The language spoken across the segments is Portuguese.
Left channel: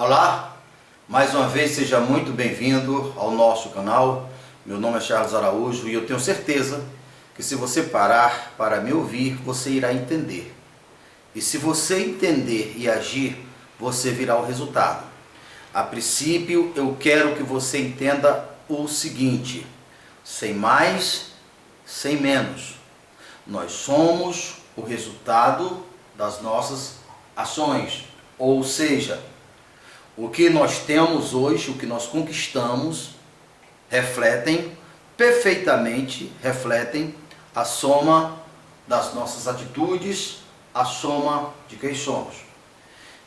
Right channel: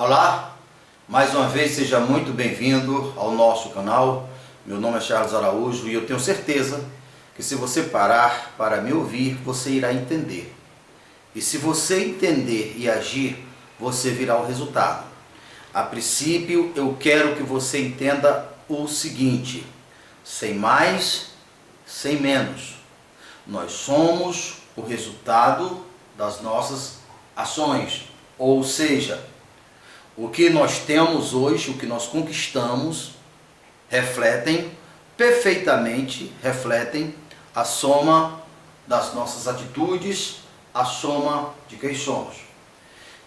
Olá, mais uma vez seja muito bem-vindo ao nosso canal. Meu nome é Charles Araújo e eu tenho certeza que se você parar para me ouvir, você irá entender. E se você entender e agir, você virá o resultado. A princípio, eu quero que você entenda o seguinte: sem mais, sem menos. Nós somos o resultado das nossas ações, ou seja, o que nós temos hoje, o que nós conquistamos, perfeitamente refletem a soma das nossas atitudes, a soma de quem somos.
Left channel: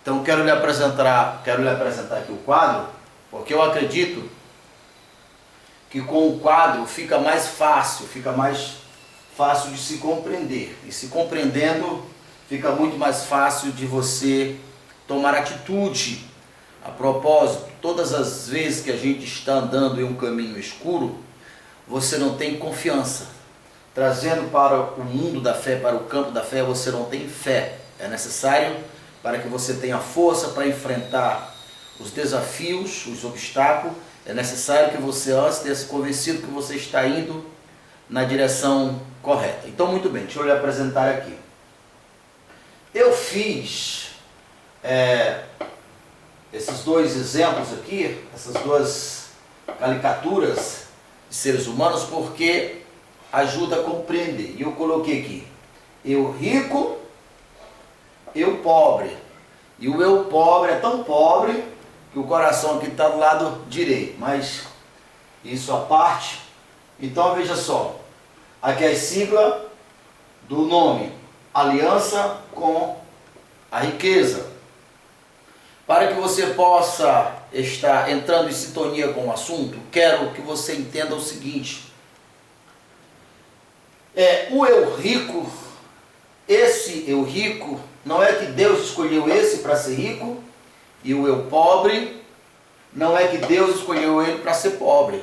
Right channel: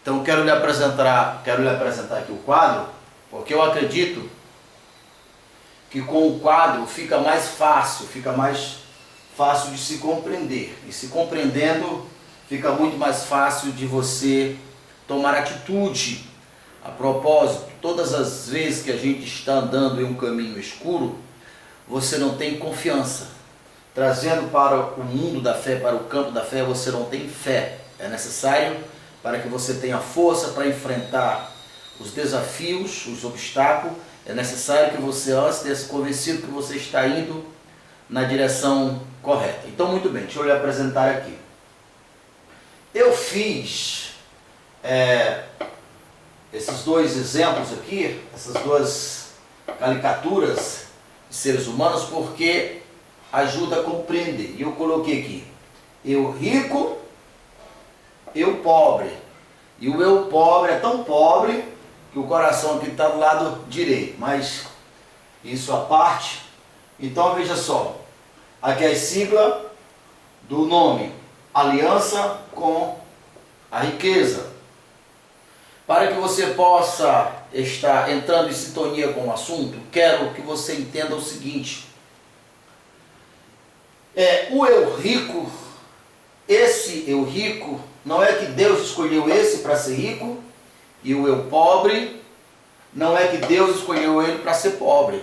Então quero lhe apresentar aqui o quadro, porque eu acredito que com o quadro fica mais fácil de se compreender. E se compreendendo, fica muito mais fácil de você tomar atitude. A propósito, todas as vezes que a gente está andando em um caminho escuro, você não tem confiança. Trazendo para o mundo da fé, para o campo da fé, você não tem fé. É necessário para que você tenha força para enfrentar os desafios, os obstáculos. É necessário que você antes tenha se convencido que você está indo na direção correta. Então, muito bem, deixa eu lhe apresentar aqui. Eu fiz esses dois exemplos aqui, essas duas caricaturas de seres humanos, porque ajuda a compreender. E eu coloquei aqui, eu rico, eu pobre. E o eu pobre é tão pobre que o coração aqui está do lado direito, mas isso à parte. Então veja só, aqui é a sigla do nome, aliança com a riqueza. Para que você possa estar entrando em sintonia com o assunto, quero que você entenda o seguinte. O eu rico, esse eu rico, não é que Deus escolheu esse para ser rico, e o eu pobre, não é que Deus escolheu ele para ser pobre.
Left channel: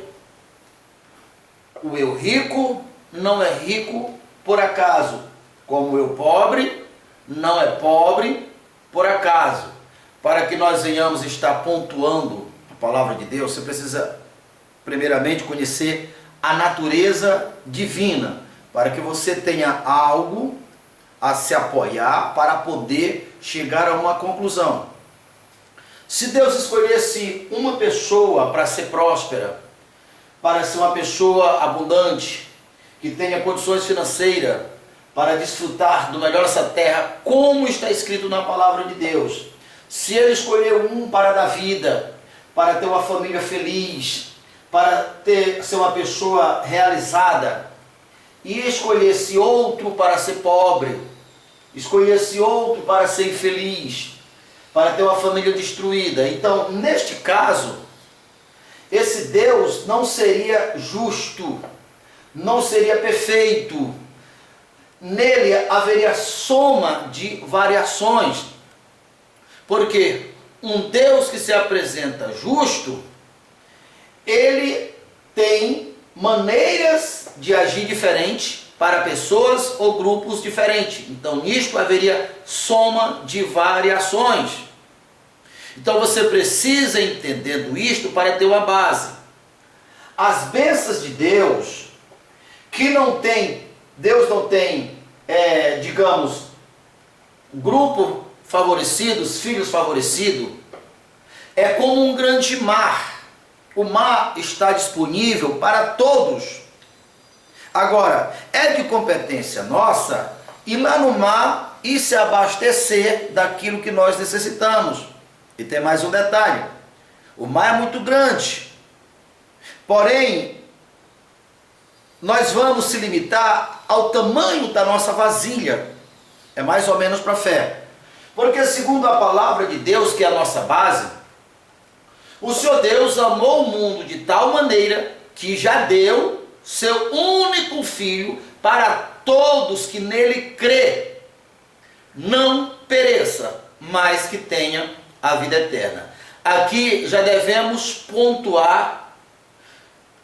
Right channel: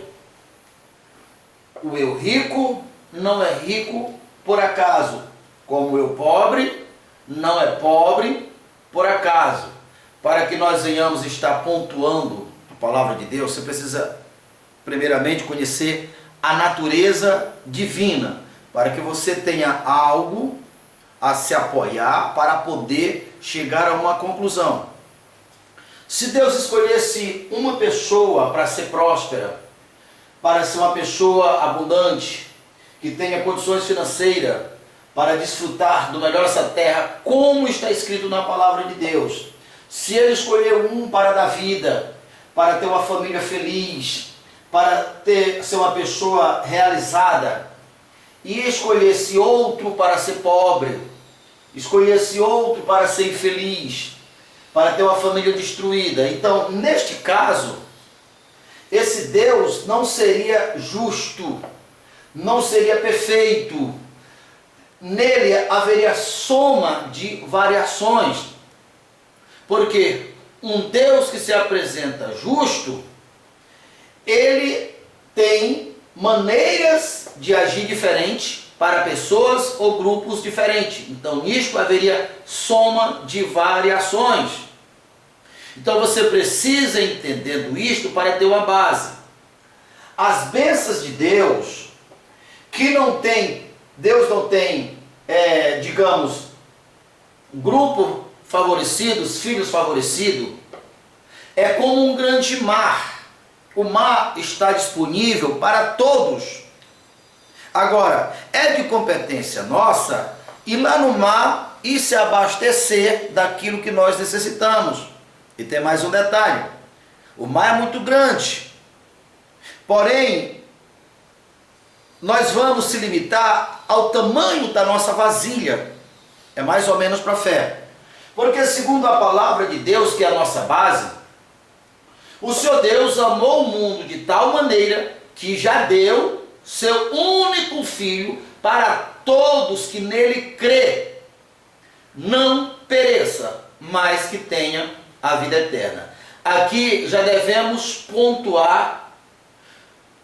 O eu rico não é rico por acaso, como o eu pobre não é pobre por acaso. Para que nós venhamos estar pontuando a palavra de Deus, você precisa primeiramente conhecer a natureza divina, para que você tenha algo a se apoiar para poder chegar a uma conclusão. Se Deus escolhesse uma pessoa para ser próspera, para ser uma pessoa abundante, que tenha condições financeiras para desfrutar do melhor dessa terra, como está escrito na palavra de Deus, se ele escolheu um para dar vida, para ter uma família feliz, para ser uma pessoa realizada, e escolhesse outro para ser pobre, escolhesse outro para ser infeliz, para ter uma família destruída, então, neste caso, esse Deus não seria justo, não seria perfeito. Nele haveria soma de variações. Porque um Deus que se apresenta justo, ele tem maneiras de agir diferente para pessoas ou grupos diferentes. Então, nisto haveria soma de variações. Então, você precisa, entendendo isto, para ter uma base. As bênçãos de Deus, Deus não tem, digamos, grupo favorecidos, filhos favorecidos, é como um grande mar. O mar está disponível para todos. Agora, é de competência nossa ir lá no mar e se abastecer daquilo que nós necessitamos. E tem mais um detalhe: o mar é muito grande, porém, nós vamos se limitar ao tamanho da nossa vasilha. É mais ou menos para a fé. Porque segundo a palavra de Deus, que é a nossa base, o Senhor Deus amou o mundo de tal maneira que já deu seu único Filho para todos que nele crê, não pereça, mas que tenha a vida eterna. Aqui já devemos pontuar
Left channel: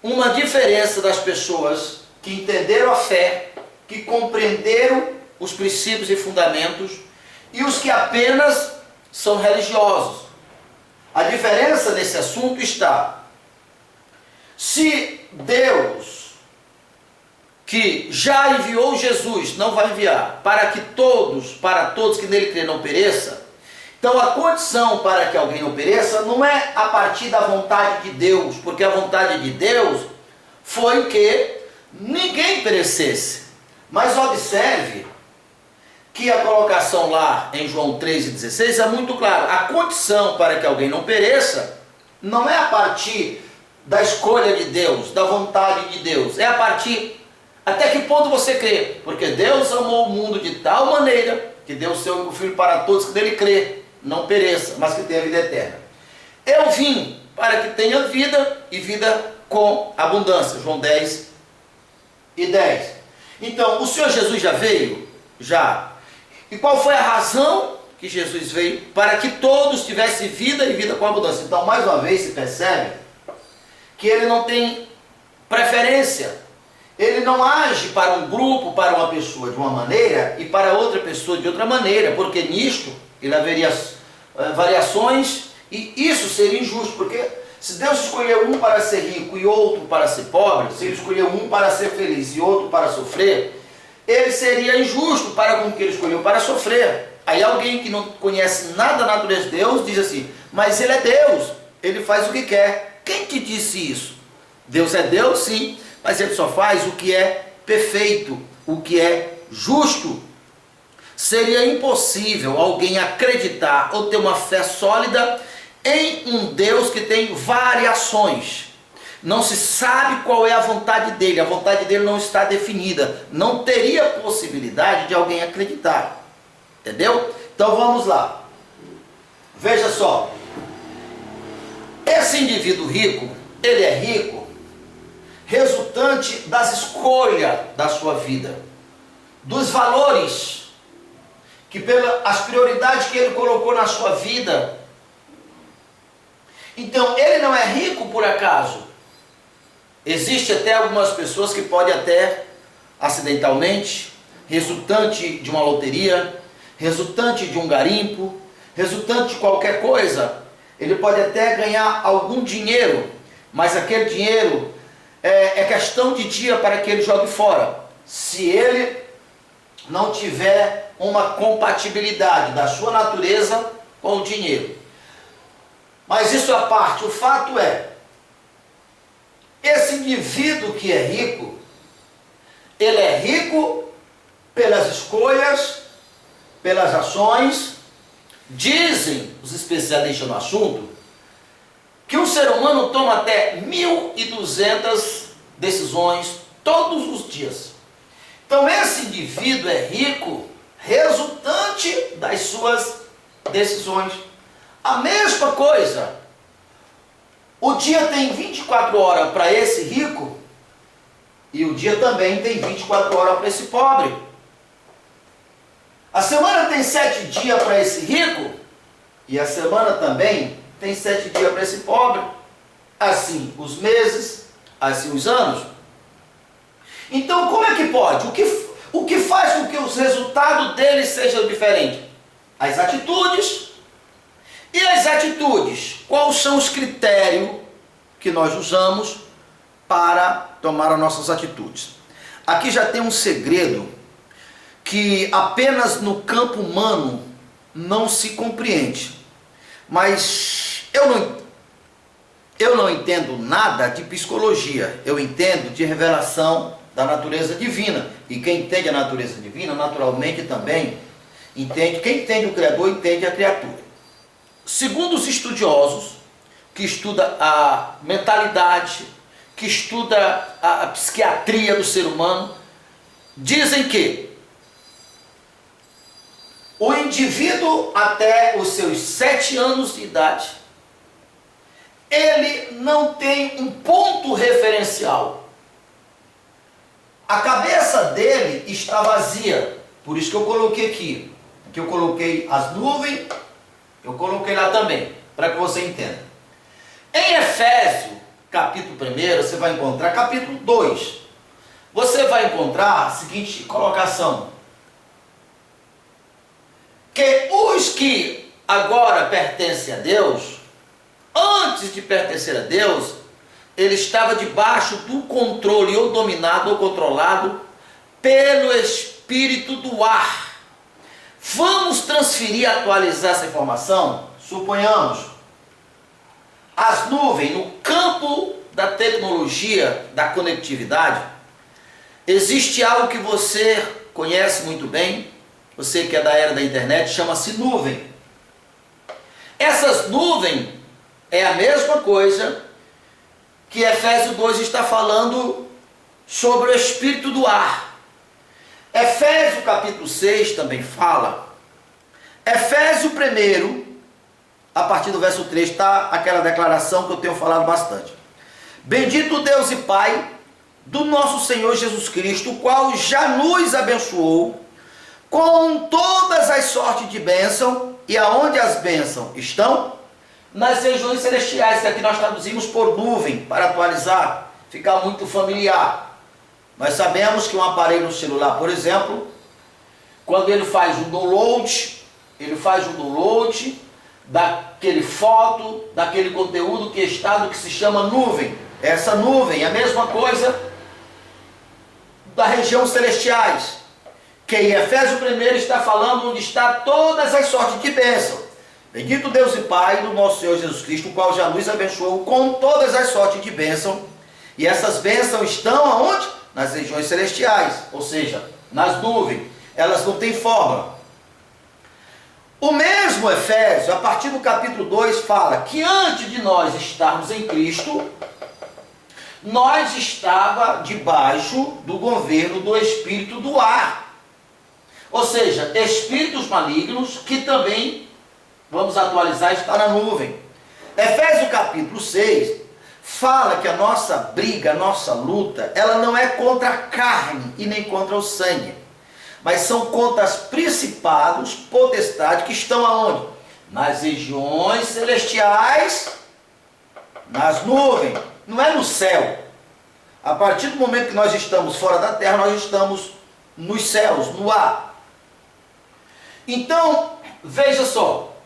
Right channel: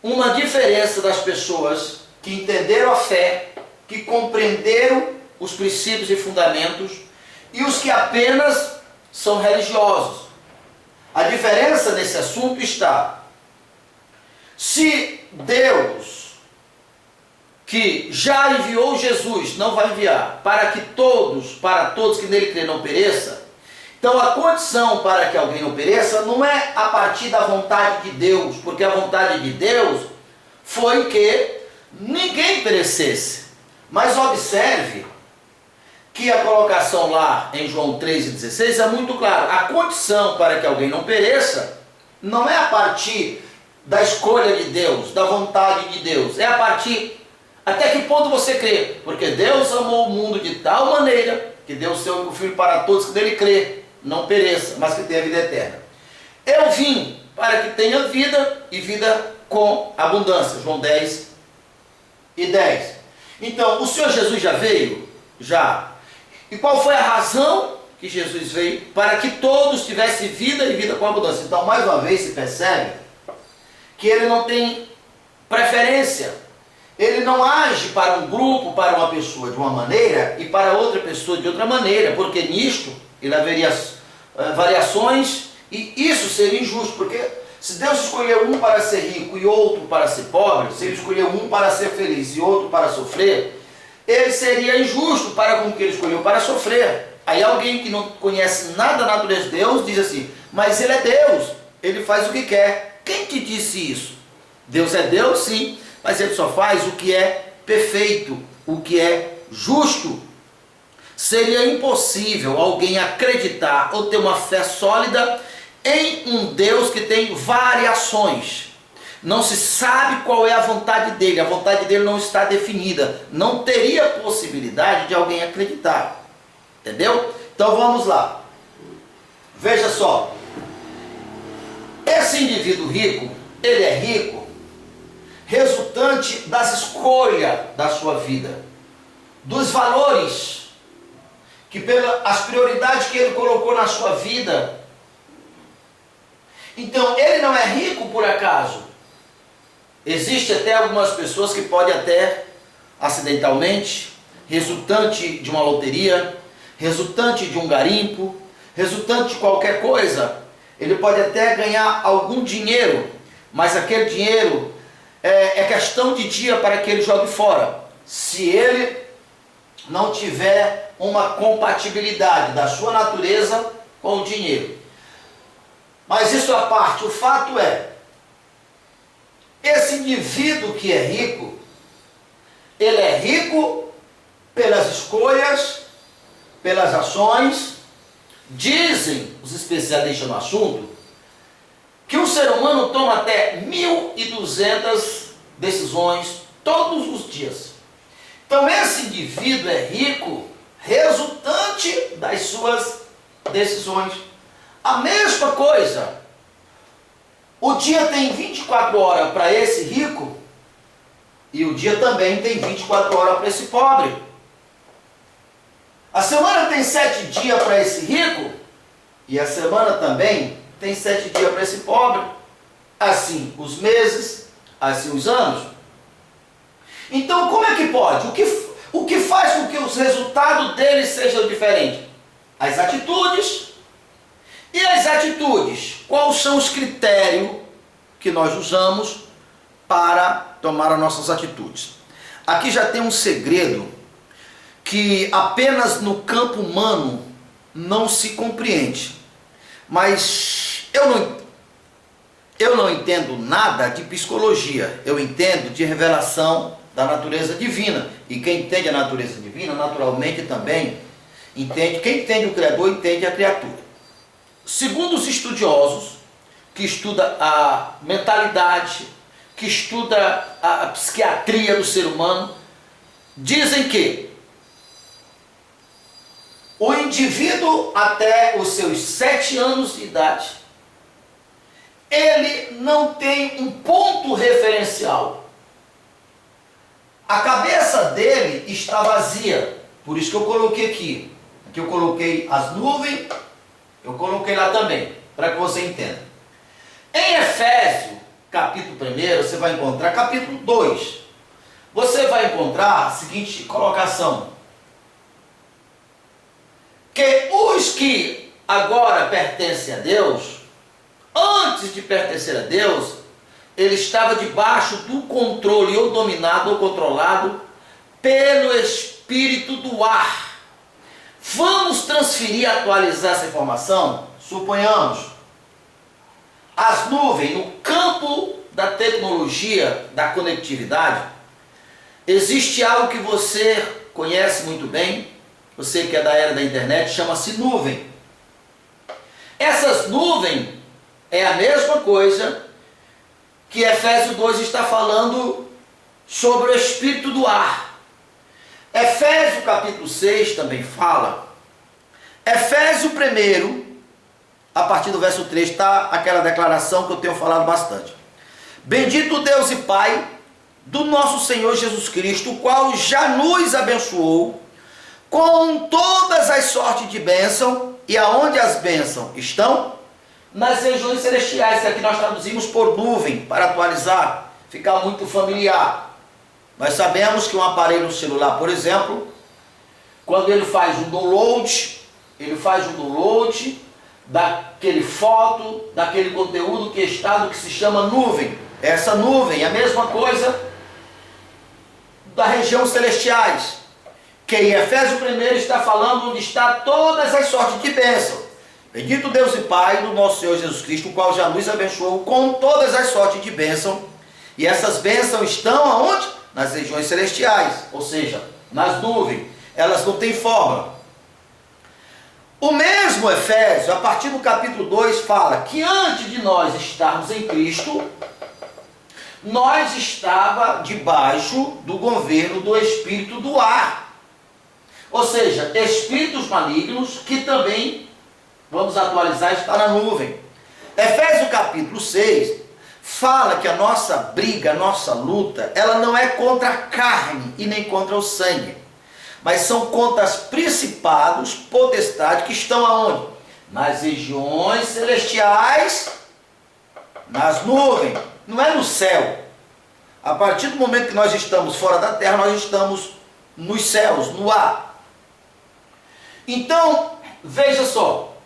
uma diferença das pessoas que entenderam a fé, que compreenderam os princípios e fundamentos, e os que apenas são religiosos. A diferença nesse assunto está: se Deus, que já enviou Jesus, não vai enviar para todos que nele crê não pereça, então a condição para que alguém não pereça não é a partir da vontade de Deus, porque a vontade de Deus foi que ninguém perecesse. Mas observe que a colocação lá em João 3,16 é muito clara. A condição para que alguém não pereça não é a partir da escolha de Deus, da vontade de Deus, é a partir até que ponto você crê, porque Deus amou o mundo de tal maneira que deu o seu único filho para todos que nele crê, não pereça, mas que tenha vida eterna. Eu vim para que tenha vida e vida com abundância. João 10:10. Então, o Senhor Jesus já veio? Já. E qual foi a razão que Jesus veio? Para que todos tivessem vida e vida com abundância. Então, mais uma vez, se percebe que ele não tem preferência. Ele não age para um grupo, para uma pessoa de uma maneira e para outra pessoa de outra maneira, porque nisto ele haveria variações e isso seria injusto, porque se Deus escolheu um para ser rico e outro para ser pobre, se ele escolheu um para ser feliz e outro para sofrer, ele seria injusto para com o que ele escolheu para sofrer. Aí alguém que não conhece nada da natureza de Deus diz assim: mas ele é Deus, ele faz o que quer. Quem te disse isso? Deus é Deus, sim, mas ele só faz o que é perfeito, o que é justo. Seria impossível alguém acreditar ou ter uma fé sólida em um Deus que tem variações. Não se sabe qual é a vontade dele não está definida. Não teria possibilidade de alguém acreditar. Entendeu? Então vamos lá. Veja só. Esse indivíduo rico, ele é rico resultante das escolhas da sua vida, dos valores, as prioridades que ele colocou na sua vida. Então, ele não é rico por acaso. Existe até algumas pessoas que podem até, acidentalmente, resultante de uma loteria, resultante de um garimpo, resultante de qualquer coisa, ele pode até ganhar algum dinheiro, mas aquele dinheiro é questão de dia para que ele jogue fora. Se ele não tiver uma compatibilidade da sua natureza com o dinheiro. Mas isso à parte, o fato é, esse indivíduo que é rico, ele é rico pelas escolhas, pelas ações. Dizem os especialistas no assunto que o ser humano toma até 1.200 decisões todos os dias. Então esse indivíduo é rico resultante das suas decisões. A mesma coisa, o dia tem 24 horas para esse rico e o dia também tem 24 horas para esse pobre. A semana tem 7 dias para esse rico e a semana também tem 7 dias para esse pobre. Assim os meses, assim os anos. Então como é que pode? O que faz com que os resultados deles sejam diferentes? As atitudes. E as atitudes? Quais são os critérios que nós usamos para tomar as nossas atitudes? Aqui já tem um segredo que apenas no campo humano não se compreende. Mas eu não entendo nada de psicologia. Eu entendo de revelação da natureza divina. E quem entende a natureza divina, naturalmente também entende. Quem entende o Criador, entende a criatura. Segundo os estudiosos, que estudam a mentalidade, que estudam a psiquiatria do ser humano, dizem que o indivíduo até os seus 7 anos de idade, ele não tem um ponto referencial. A cabeça dele está vazia. Por isso que eu coloquei aqui. Aqui eu coloquei as nuvens, eu coloquei lá também, para que você entenda. Em Efésios, capítulo 1, você vai encontrar, capítulo 2, você vai encontrar a seguinte colocação: que os que agora pertencem a Deus, antes de pertencer a Deus, ele estava debaixo do controle, ou dominado, ou controlado, pelo espírito do ar. Vamos transferir e atualizar essa informação? Suponhamos, as nuvens, no campo da tecnologia, da conectividade, existe algo que você conhece muito bem, você que é da era da internet, chama-se nuvem. Essas nuvens é a mesma coisa que Efésios 2 está falando sobre o espírito do ar. Efésios capítulo 6 também fala. Efésios 1, a partir do verso 3, está aquela declaração que eu tenho falado bastante. Bendito Deus e Pai do nosso Senhor Jesus Cristo, o qual já nos abençoou com todas as sortes de bênção. E aonde as bênçãos estão? Nas regiões celestiais, que aqui nós traduzimos por nuvem, para atualizar, ficar muito familiar. Nós sabemos que um aparelho celular, por exemplo, quando ele faz um download, daquele foto, daquele conteúdo que está no que se chama nuvem. Essa nuvem é a mesma coisa da região celestiais, que em Efésios 1 está falando onde está todas as sortes de bênção. Bendito Deus e Pai do nosso Senhor Jesus Cristo, o qual já nos abençoou com todas as sortes de bênção. E essas bênçãos estão aonde? Nas regiões celestiais, ou seja, nas nuvens. Elas não têm forma. O mesmo Efésios, a partir do capítulo 2, fala que antes de nós estarmos em Cristo, nós estava debaixo do governo do espírito do ar. Ou seja, espíritos malignos que também, vamos atualizar, está na nuvem. Efésios capítulo 6 fala que a nossa briga, a nossa luta, ela não é contra a carne e nem contra o sangue, mas são contra os principados, potestades que estão aonde? Nas regiões celestiais, nas nuvens, não é no céu. A partir do momento que nós estamos fora da terra, nós estamos nos céus, no ar. Então, veja só,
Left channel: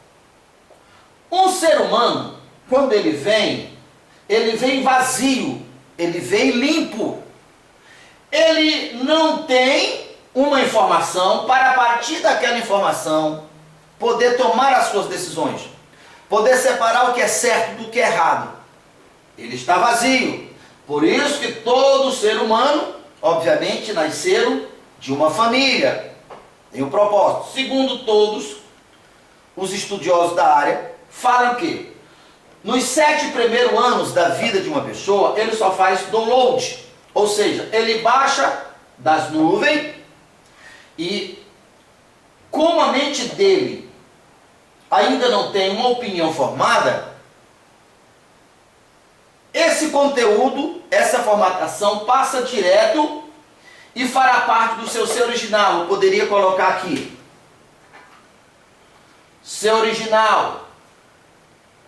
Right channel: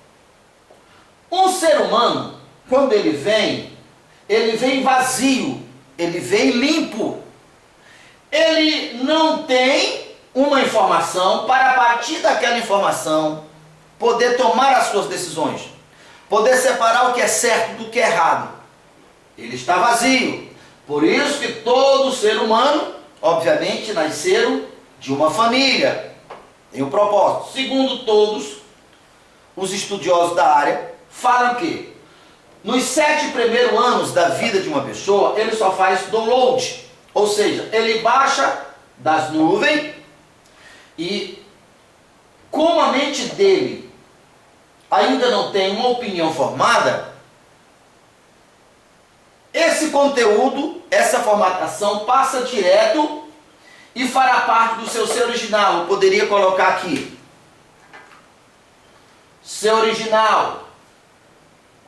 um ser humano, quando ele vem vazio, ele vem limpo. Ele não tem uma informação para, a partir daquela informação, poder tomar as suas decisões, poder separar o que é certo do que é errado. Ele está vazio. Por isso que todo ser humano, obviamente, nasceram de uma família. Tem um propósito. Segundo todos os estudiosos da área, falam que nos 7 primeiros anos da vida de uma pessoa, ele só faz download. Ou seja, ele baixa das nuvens e, como a mente dele ainda não tem uma opinião formada, esse conteúdo, essa formatação passa direto e fará parte do seu ser original. Eu poderia colocar aqui, ser original,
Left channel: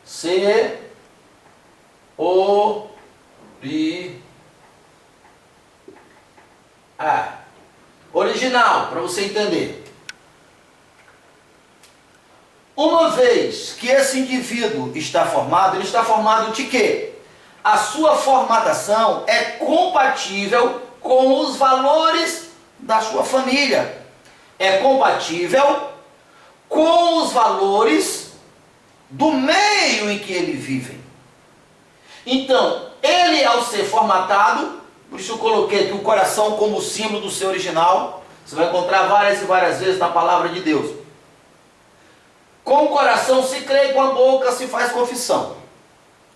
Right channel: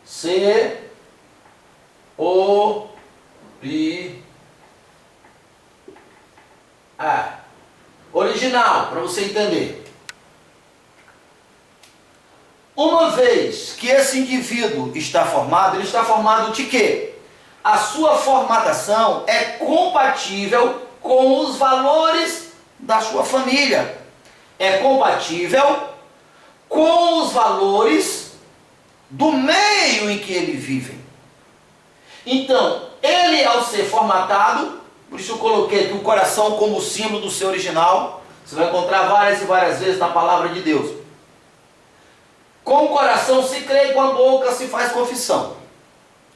ser original, para você entender. Uma vez que esse indivíduo está formado, ele está formado de quê? A sua formatação é compatível com os valores da sua família. É compatível com os valores do meio em que ele vive. Então, ele, ao ser formatado, por isso eu coloquei aqui o coração como símbolo do ser original. Você vai encontrar várias e várias vezes na palavra de Deus. Com o coração se crê, com a boca se faz confissão.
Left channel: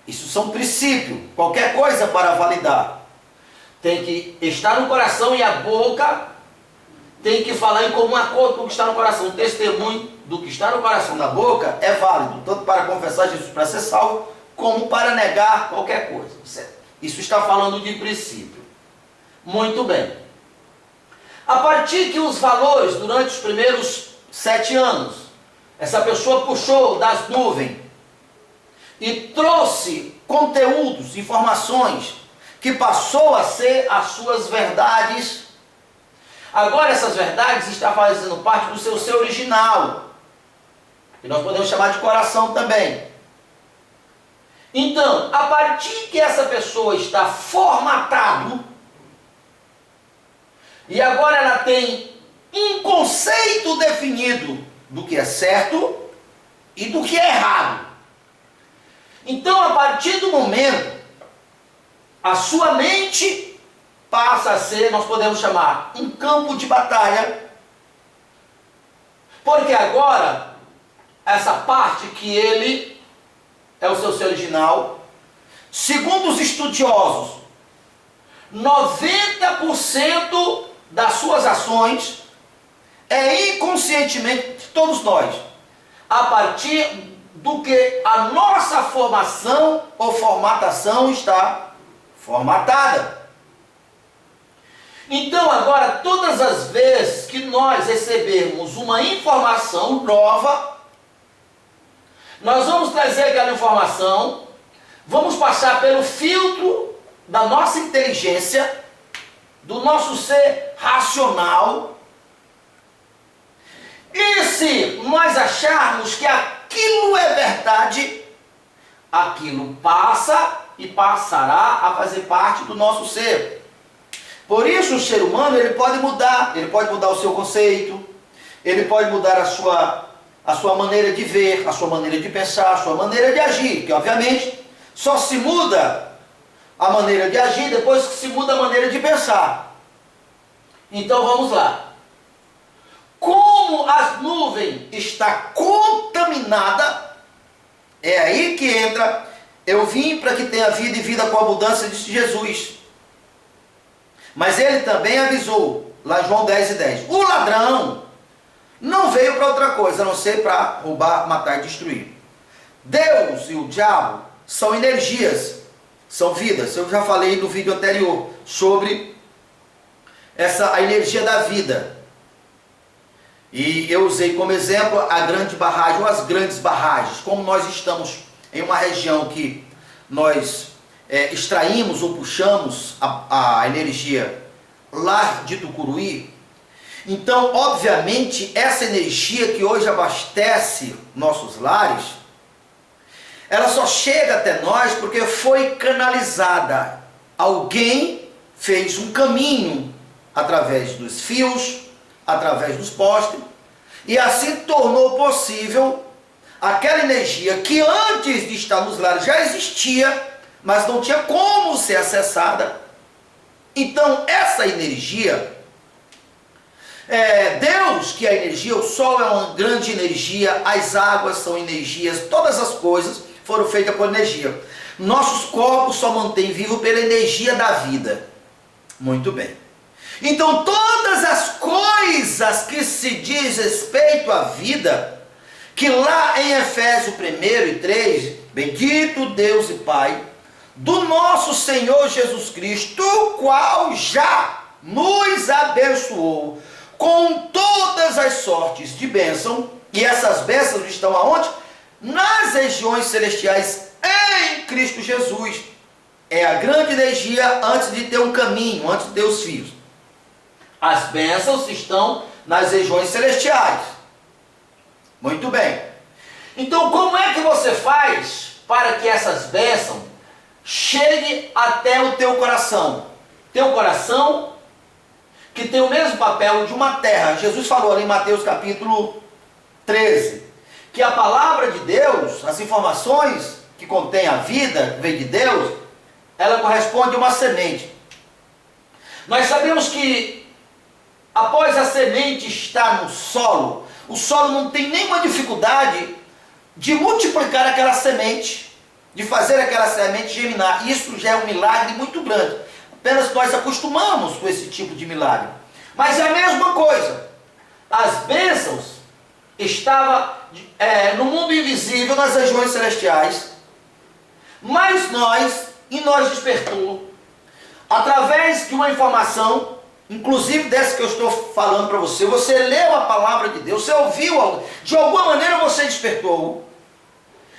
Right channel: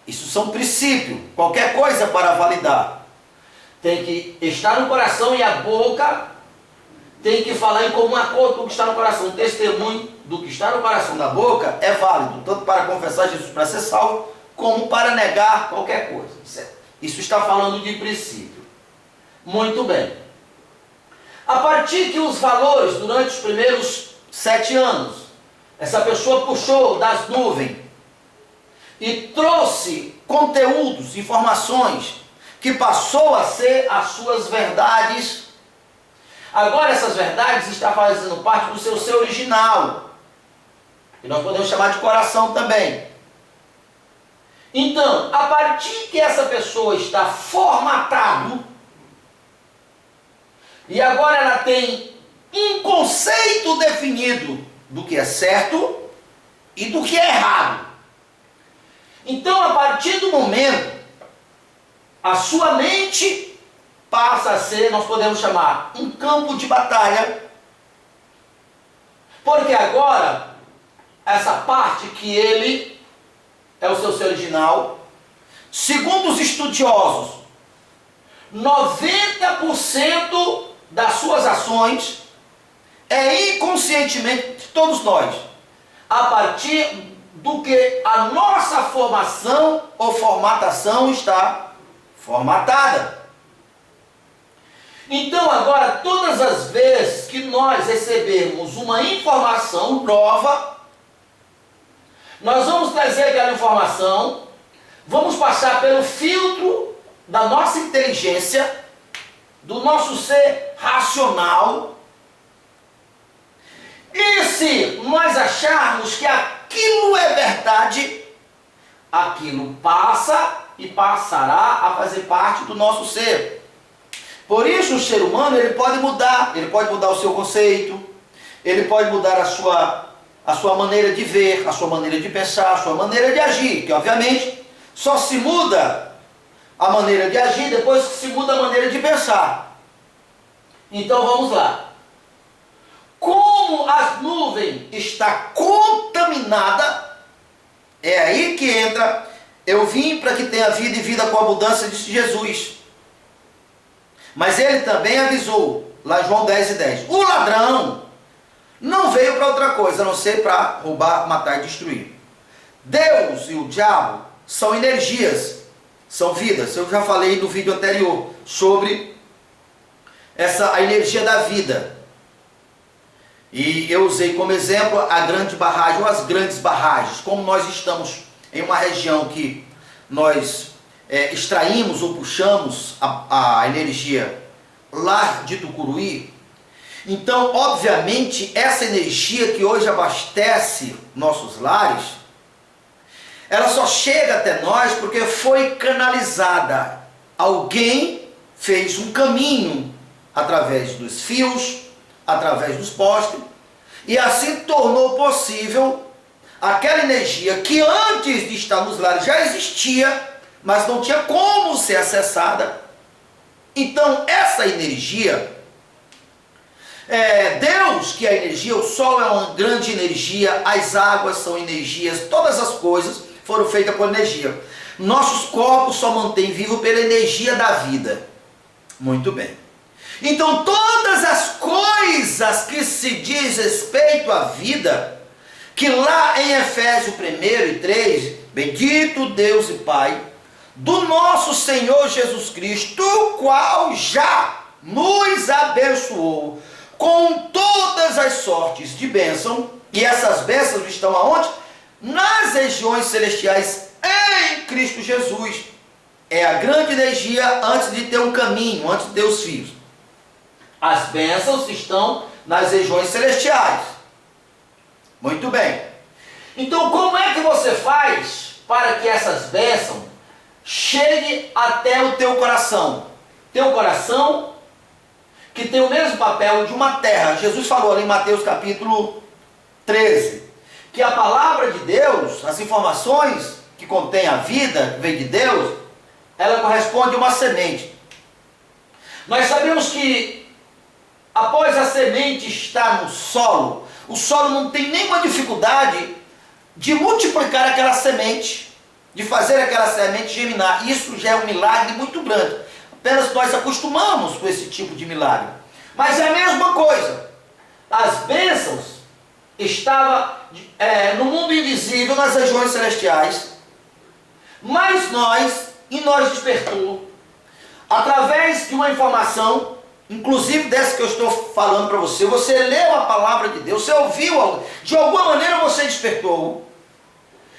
Isso são princípios. Qualquer coisa para validar tem que estar no coração, e a boca tem que falar em comum acordo com o que está no coração. O testemunho do que está no coração da boca é válido, tanto para confessar Jesus para ser salvo, como para negar qualquer coisa. Isso está falando de princípio. Muito bem. A partir que os valores, durante os primeiros 7 anos, essa pessoa puxou das nuvens e trouxe conteúdos, informações, que passou a ser as suas verdades. Agora essas verdades estão fazendo parte do seu ser original, que nós podemos chamar de coração também. Então, a partir que essa pessoa está formatado, e agora ela tem um conceito definido do que é certo e do que é errado. Então, a partir do momento, a sua mente passa a ser, nós podemos chamar, um campo de batalha, porque agora, essa parte que ele é o seu ser original, segundo os estudiosos, 90% das suas ações é inconscientemente de todos nós, a partir do que a nossa formação ou formatação está formatada. Então agora, todas as vezes que nós recebermos uma informação nova, nós vamos trazer aquela informação, vamos passar pelo filtro da nossa inteligência, do nosso ser racional, e se nós acharmos que aquilo é verdade, aquilo passa e passará a fazer parte do nosso ser. Por isso o ser humano ele pode mudar o seu conceito, ele pode mudar a sua maneira de ver, a sua maneira de pensar, a sua maneira de agir, que obviamente só se muda a maneira de agir depois que se muda a maneira de pensar. Então vamos lá. Como as nuvens está contaminada, é aí que entra, eu vim para que tenha vida e vida com abundância, disse Jesus. Mas ele também avisou, lá em João 10:10, o ladrão não veio para outra coisa, a não ser para roubar, matar e destruir. Deus e o diabo são energias, são vidas. Eu já falei no vídeo anterior sobre a energia da vida. E eu usei como exemplo a grande barragem ou as grandes barragens. Como nós estamos em uma região que nós extraímos ou puxamos a energia lá de Tucuruí, então, obviamente, essa energia que hoje abastece nossos lares, ela só chega até nós porque foi canalizada. Alguém fez um caminho através dos fios, através dos postes, e assim tornou possível aquela energia que antes de estar nos lares já existia, mas não tinha como ser acessada. Então, essa energia, Deus, que é a energia, o sol é uma grande energia, as águas são energias, todas as coisas foram feitas por energia. Nossos corpos só mantêm vivo pela energia da vida. Muito bem. Então todas as coisas que se diz respeito à vida, que lá em Efésios 1:3, bendito Deus e Pai do nosso Senhor Jesus Cristo, o qual já nos abençoou com todas as sortes de bênção, e essas bênçãos estão aonde? Nas regiões celestiais em Cristo Jesus. É a grande energia antes de ter um caminho, antes de ter os fios. As bênçãos estão nas regiões celestiais. Muito bem. Então, como é que você faz para que essas bênçãos cheguem até o teu coração? Teu coração que tem o mesmo papel de uma terra. Jesus falou ali em Mateus capítulo 13, que a palavra de Deus, as informações que contém a vida, que vem de Deus, ela corresponde a uma semente. Nós sabemos que após a semente estar no solo, o solo não tem nenhuma dificuldade de multiplicar aquela semente, de fazer aquela semente germinar. Isso já é um milagre muito grande. Apenas nós acostumamos com esse tipo de milagre. Mas é a mesma coisa. As bênçãos estavam no mundo invisível, nas regiões celestiais. Mas nós despertou, através de uma informação, inclusive dessa que eu estou falando para você. Você leu a palavra de Deus, você ouviu algo, de alguma maneira você despertou.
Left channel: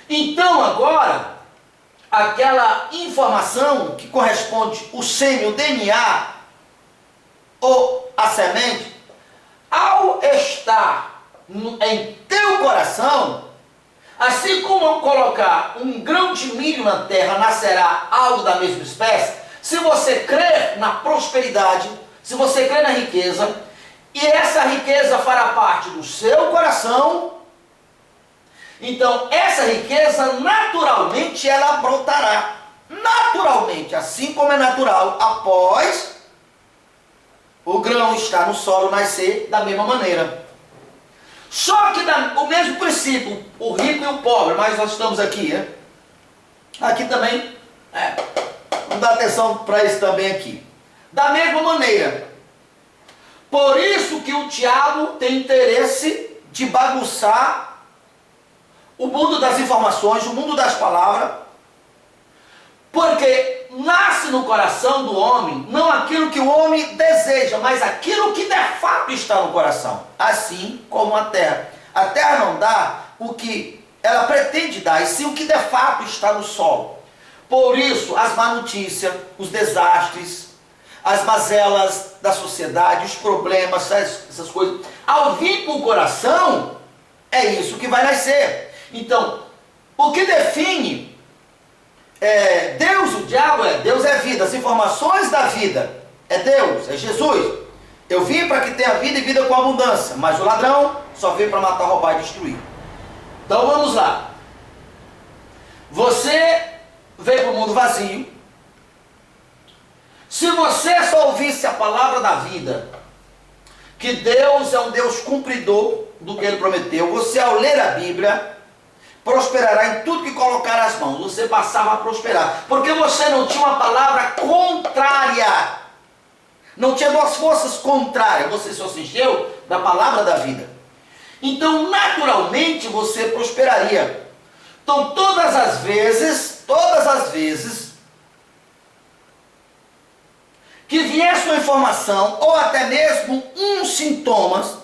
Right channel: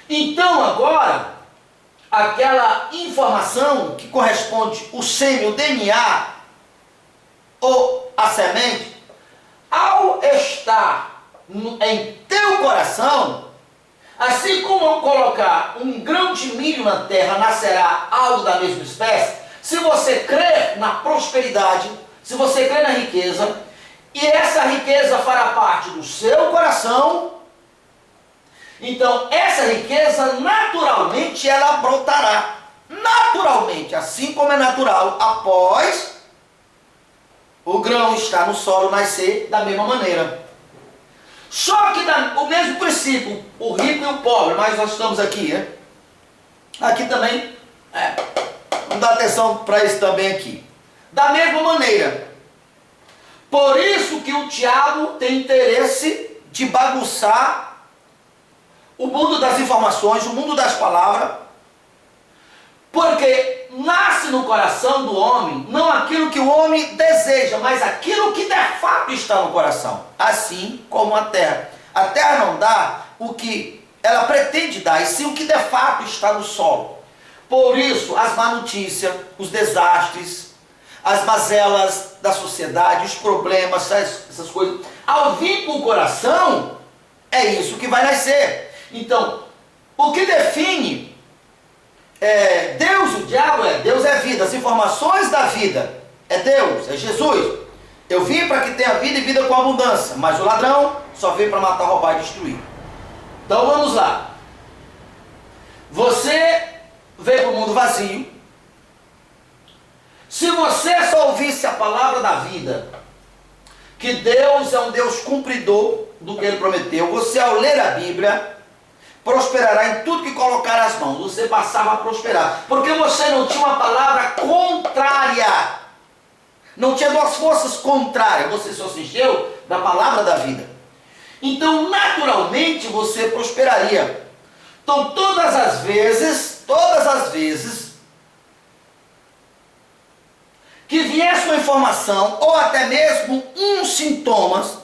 Então agora, aquela informação que corresponde o sêmen, o DNA, ou a semente, ao estar em teu coração, Assim como colocar um grão de milho na terra, nascerá algo da mesma espécie. Se você crê na prosperidade, se você crê na riqueza, e essa riqueza fará parte do seu coração, então essa riqueza naturalmente ela brotará. Naturalmente, assim como é natural após o grão estar no solo nascer da mesma maneira. Só que o mesmo princípio, o rico e o pobre, mas nós estamos aqui, né? Aqui também, vamos dar atenção para isso também aqui. Da mesma maneira. Por isso que o diabo tem interesse de bagunçar o mundo das informações, o mundo das palavras, porque nasce no coração do homem, não aquilo que o homem deseja, mas aquilo que de fato está no coração. Assim como a terra. A terra não dá o que ela pretende dar, e sim o que de fato está no solo. Por isso, as má notícias, os desastres, as mazelas da sociedade, os problemas, essas coisas, ao vir para o coração, é isso que vai nascer. Então, o que define Deus, o diabo Deus é vida, as informações da vida é Deus, é Jesus. Eu vim para que tenha vida e vida com abundância, mas o ladrão só veio para matar, roubar e destruir. Então vamos lá. Você veio para o mundo vazio. Se você só ouvisse a palavra da vida, que Deus é um Deus cumpridor do que Ele prometeu, você ao ler a Bíblia prosperará em tudo que colocar as mãos. Você passava a prosperar, porque você não tinha uma palavra contrária, não tinha duas forças contrárias, você só se encheu da palavra da vida. Então naturalmente você prosperaria. Então todas as vezes que viesse uma informação, ou até mesmo uns sintomas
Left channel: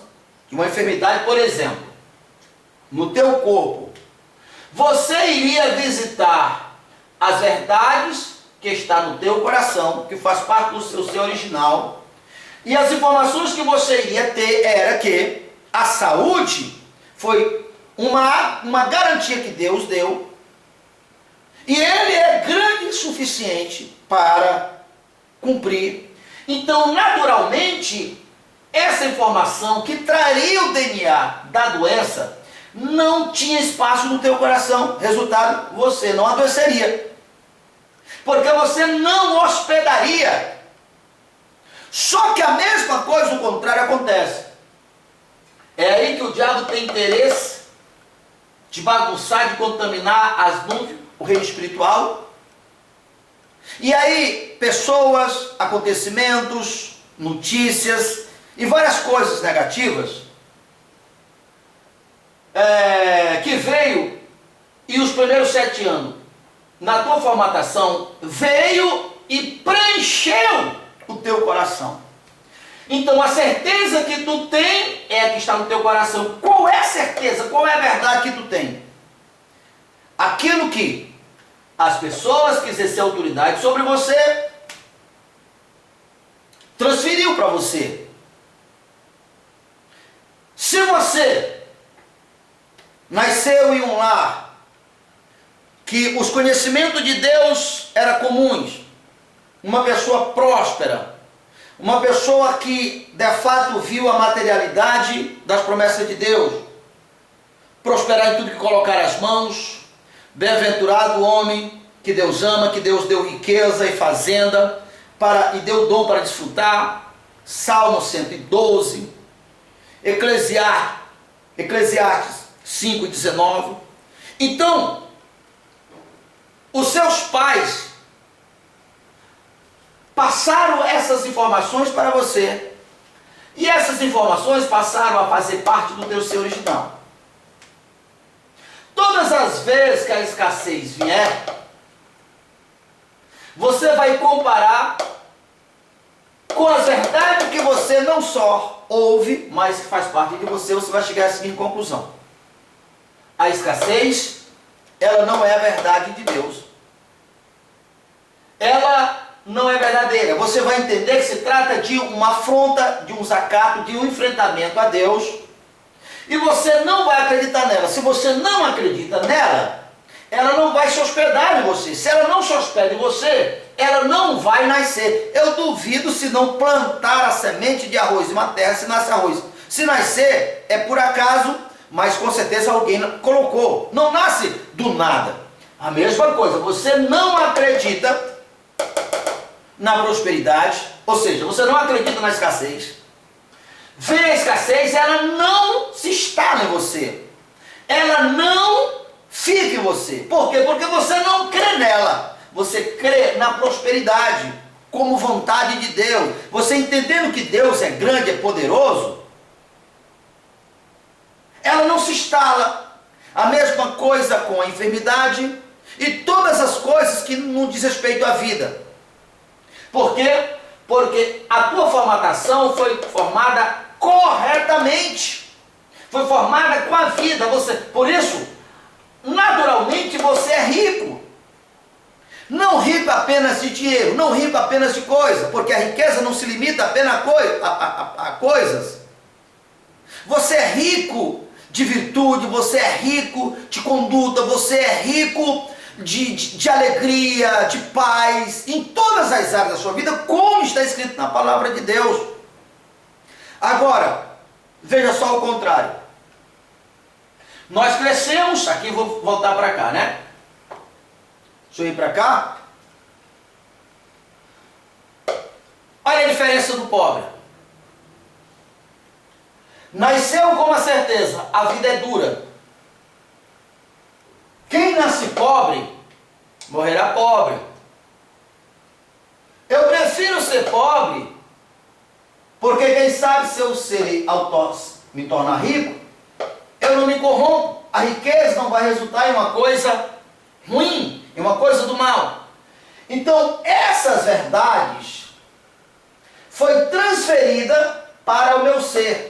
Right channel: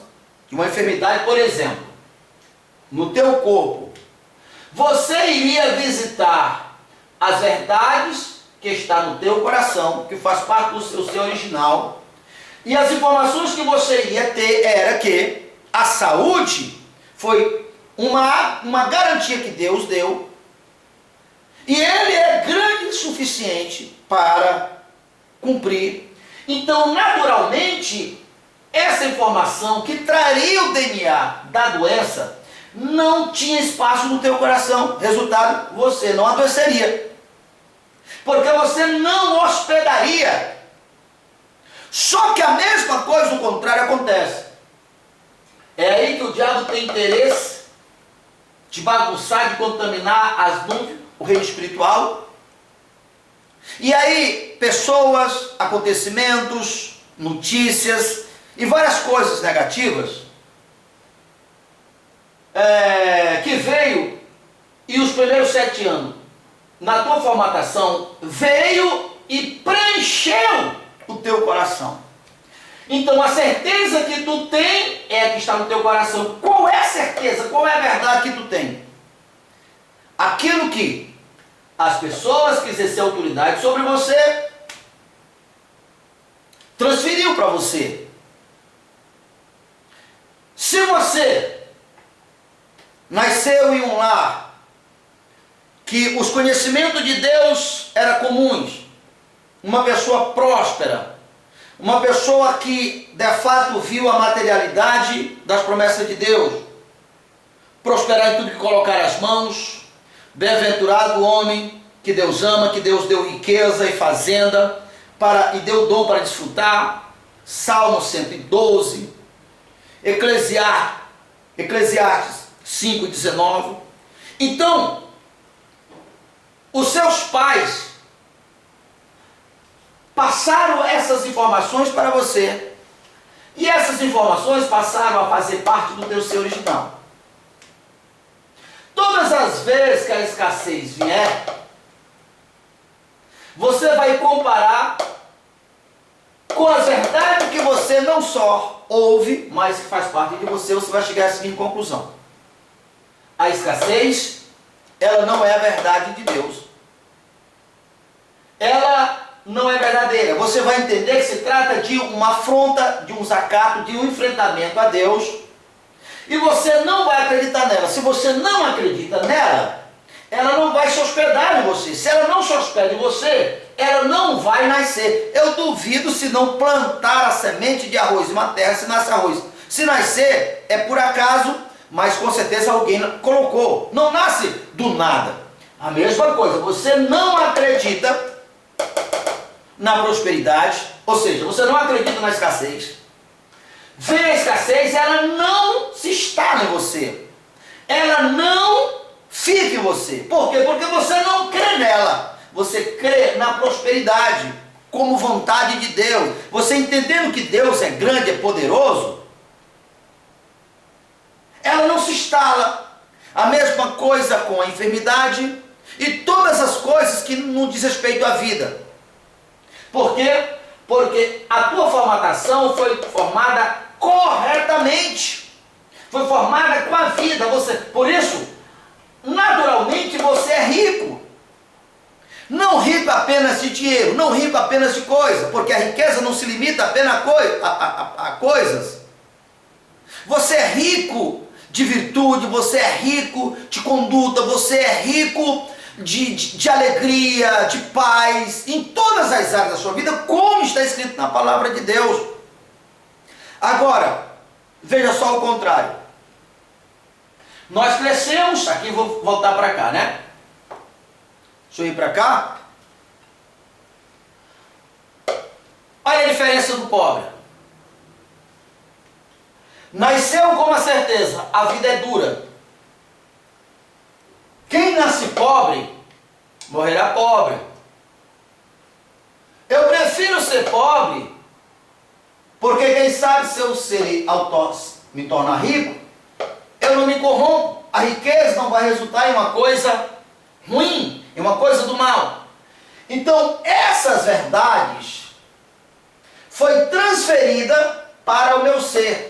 de uma enfermidade, por exemplo, no teu corpo, você iria visitar as verdades que está no teu coração, que faz parte do seu ser original, e as informações que você iria ter era que a saúde foi uma garantia que Deus deu, e Ele é grande o suficiente para cumprir. Então, naturalmente, essa informação que traria o DNA da doença não tinha espaço no teu coração. Resultado, você não adoeceria, porque você não hospedaria. Só que a mesma coisa, o contrário, acontece. É aí que o diabo tem interesse de bagunçar, de contaminar as nuvens, o reino espiritual. E aí, pessoas, acontecimentos, notícias e várias coisas negativas que veio, e os primeiros 7 anos, na tua formatação, veio e preencheu o teu coração. Então a certeza que tu tem é a que está no teu coração. Qual é a certeza? Qual é a verdade que tu tem? Aquilo que as pessoas que exercem autoridade sobre você transferiu para você. Se você nasceu em um lar que os conhecimentos de Deus eram comuns, uma pessoa próspera, uma pessoa que de fato viu a materialidade das promessas de Deus, prosperar em tudo que colocar as mãos, bem-aventurado o homem que Deus ama, que Deus deu riqueza e fazenda e deu dom para desfrutar. Salmo 112, Eclesiastes 5:19. Então, os seus pais passaram essas informações para você, e essas informações passaram a fazer parte do teu ser original. Todas as vezes que a escassez vier, você vai comparar com as verdades que você não só ouve, mas que faz parte de você, você vai chegar à seguinte conclusão: a escassez, ela não é a verdade de Deus. Ela não é verdadeira. Você vai entender que se trata de uma afronta, de um desacato, de um enfrentamento a Deus. E você não vai acreditar nela. Se você não acredita nela, ela não vai se hospedar em você. Se ela não se hospeda em você, ela não vai nascer. Eu duvido se não plantar a semente de arroz em uma terra, se nasce arroz. Se nascer, é por acaso, mas com certeza alguém colocou. Não nasce do nada. A mesma coisa, você não acredita na prosperidade, ou seja, você não acredita na escassez. Vem a escassez, ela não se instala em você. Ela não fica em você. Por quê? Porque você não crê nela. Você crê na prosperidade como vontade de Deus. Você entendendo que Deus é grande, é poderoso, ela não se instala. A mesma coisa com a enfermidade e todas as coisas que não diz respeito à vida. Por quê? Porque a tua formatação foi formada corretamente. Foi formada com a vida. Por isso, naturalmente você é rico. Não rico apenas de dinheiro, não rico apenas de coisa, porque a riqueza não se limita apenas a coisas. Você é rico de virtude, você é rico de conduta, você é rico de alegria, de paz, em todas as áreas da sua vida, como está escrito na palavra de Deus. Agora, veja só o contrário. Nós crescemos, aqui vou voltar para cá, né? Deixa eu ir para cá. Olha a diferença do pobre. Nasceu com uma certeza, a vida é dura. Quem nasce pobre, morrerá pobre. Eu prefiro ser pobre, porque quem sabe se eu me tornar rico, eu não me corrompo. A riqueza não vai resultar em uma coisa ruim, em uma coisa do mal. Então, essas verdades foi transferida para o meu ser.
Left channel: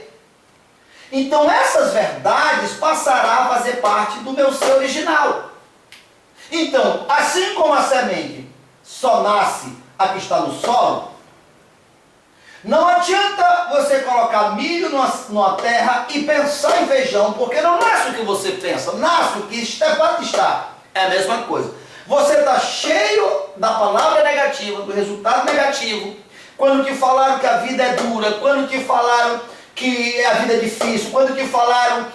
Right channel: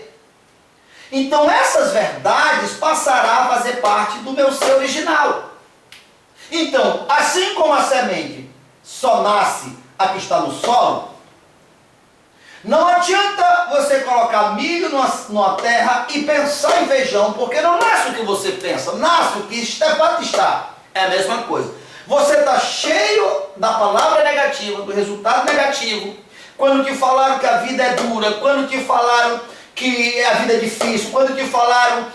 Então essas verdades passarão a fazer parte do meu ser original. Então, assim como a semente só nasce a que está no solo, não adianta você colocar milho numa terra e pensar em feijão, porque não nasce o que você pensa, nasce o que está. É a mesma coisa. Você está cheio da palavra negativa, do resultado negativo, quando te falaram que a vida é dura, quando te falaram que a vida é difícil, quando te falaram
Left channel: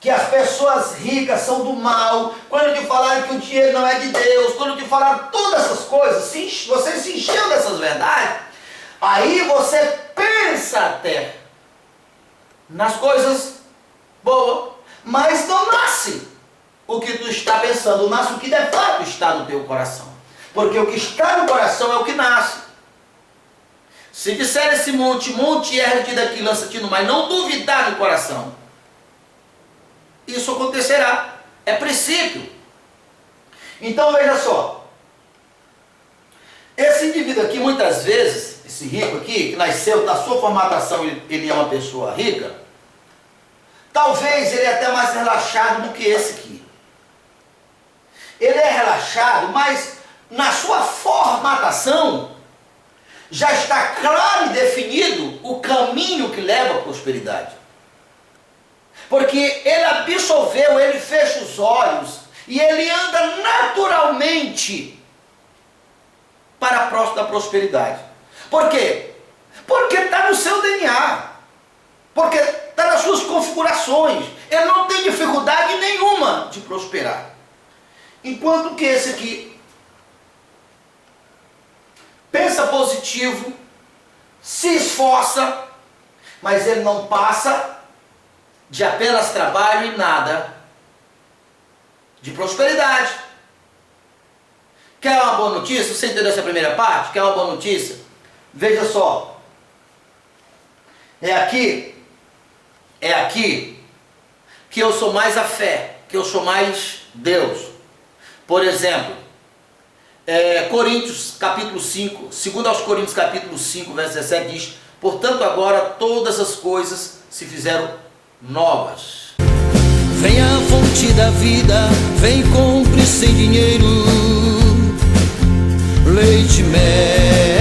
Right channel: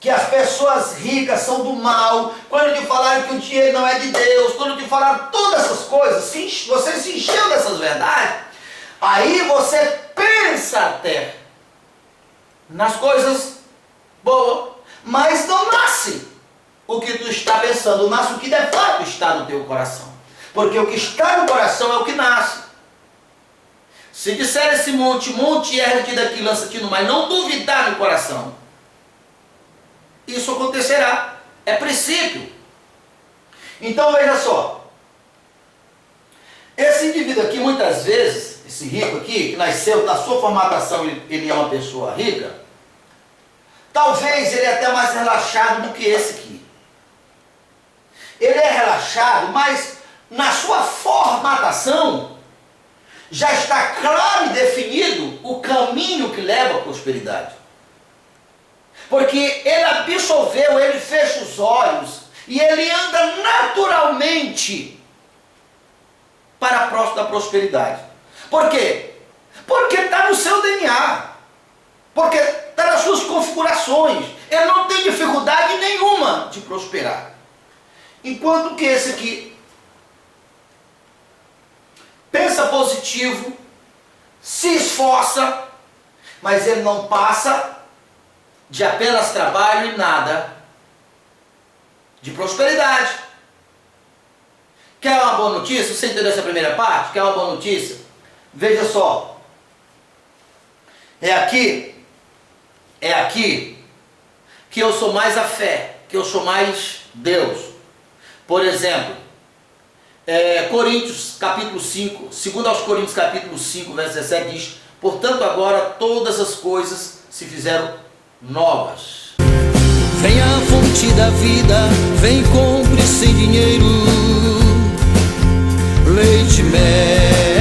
que as pessoas ricas são do mal, quando te falaram que o dinheiro não é de Deus, quando te falaram todas essas coisas, você se encheu dessas verdades, aí você pensa até nas coisas boas, mas não nasce o que tu está pensando, nasce o que de fato está no teu coração, porque o que está no coração é o que nasce. Se disser esse monte, ergue-te daqui, lança-te no mar, não duvidar no coração, isso acontecerá. É princípio. Então veja só, esse indivíduo aqui, muitas vezes, esse rico aqui, que nasceu, na sua formatação, ele é uma pessoa rica, talvez ele é até mais relaxado do que esse aqui. Ele é relaxado, mas na sua formatação, já está claro e definido o caminho que leva à prosperidade. Porque ele absorveu, ele fecha os olhos e ele anda naturalmente para a próxima da prosperidade. Por quê? Porque está no seu DNA. Porque está nas suas configurações. Ele não tem dificuldade nenhuma de prosperar. Enquanto que esse aqui pensa positivo, se esforça, mas ele não passa de apenas trabalho e nada de prosperidade. Quer uma boa notícia? Você entendeu essa primeira parte? Quer uma boa notícia? Veja só. É aqui que eu sou mais a fé, que eu sou mais Deus. Por exemplo, Coríntios capítulo 5, 2 aos Coríntios capítulo 5, verso 17 diz: portanto agora todas as coisas se fizeram novas. Vem a fonte da vida, vem compre sem dinheiro leite, mel